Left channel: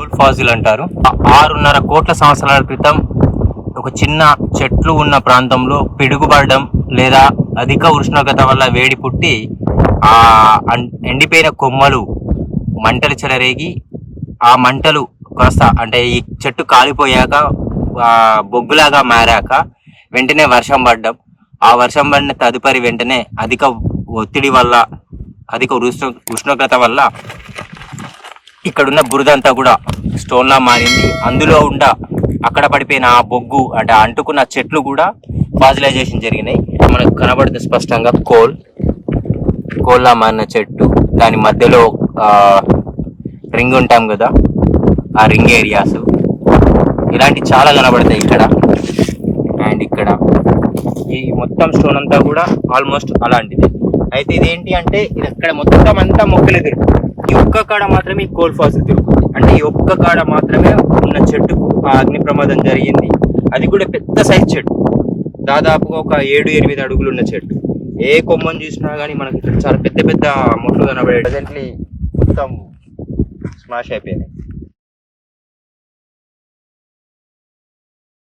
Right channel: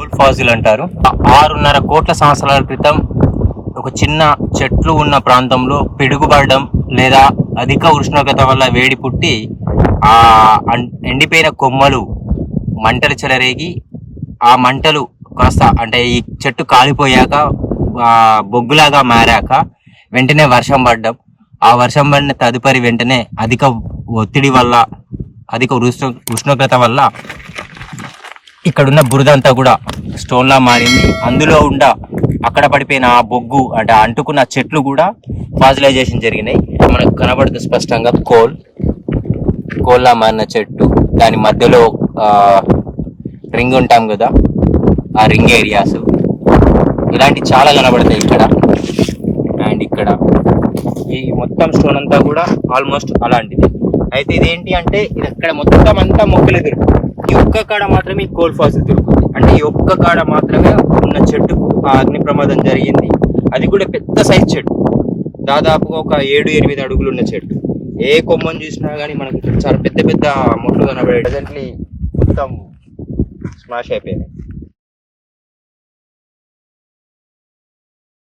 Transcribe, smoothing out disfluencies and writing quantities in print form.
Coal Faasil అంటారు. 6.5 కోట్ల సంవత్సరాల క్రితం ఒక చిన్న చెట్లు ఉన్న ప్రాంతంలో పిడుగుపడడం లేదా అధిక ఉష్ణోగ్రత వల్ల వేడి పుట్టి ఆ ఎండిపోయిన కొమ్మలు మంటలు చెలరేగి ఆ మంటలు కాస్త అంటే ఈ చెట్టు కాలిపోయాక బొగ్గులాగా మారాక వెంటనే వర్షం పడ్డం. ఆ వర్షం పడిన తదుపరి వెంటనే అధిక ఒత్తిడి వల్ల అధిక ఉష్ణోగ్రత వల్ల ఇక్కడున్న బురదంతా కూడా స్టోన్లా మారింది. అందులో అక్కడ పడిపోయిన ఆ బొగ్గు అంటే అంటుకున్న చెట్లు కూడా ఫాజిలైజేషన్ జరిగినాయి. మనకు కనబడుతుంది స్పష్టంగా కోల్లా మారిన చెట్టు, దాని మధ్యలో రింగ్ ఉంటాం కదా, ఆ రింగ్ ఏరియాస్ ఇలాంటి చాలా కనబడతాయి ఇక్కడ. అండ్ ఇక్కడ ఈ మొత్తం స్టోన్ అంతా కూడా ఆల్మోస్ట్ అలాంటిది. అయితే ఇదేంటి అంటే ఇక్కడ మొత్తం అంతా మొక్కలు తిరుగుతుంది, ఈ ఒక్క కాడ మాత్రమే ఈ కోల్ ఫాజిల్ తిరుగుతుంది. అంటే ఈ ఒక్క కాడ మాత్రమే ఉన్న చెట్టుకు ఆ అగ్ని ప్రమాదం జరిగింది. అది కూడా పెద్ద సైజ్ చెట్టు, దాదాపుగా ఒక 7-8 అడుగులు ఉన్న చెట్టు. ఏ కొమ్మని చూసినా కానీ మనకి చాలా పెద్ద పెద్ద మొక్కలు కనబడే. ప్రజెంట్లీ మొత్తం స్మాష్ అయిపోయినాయి.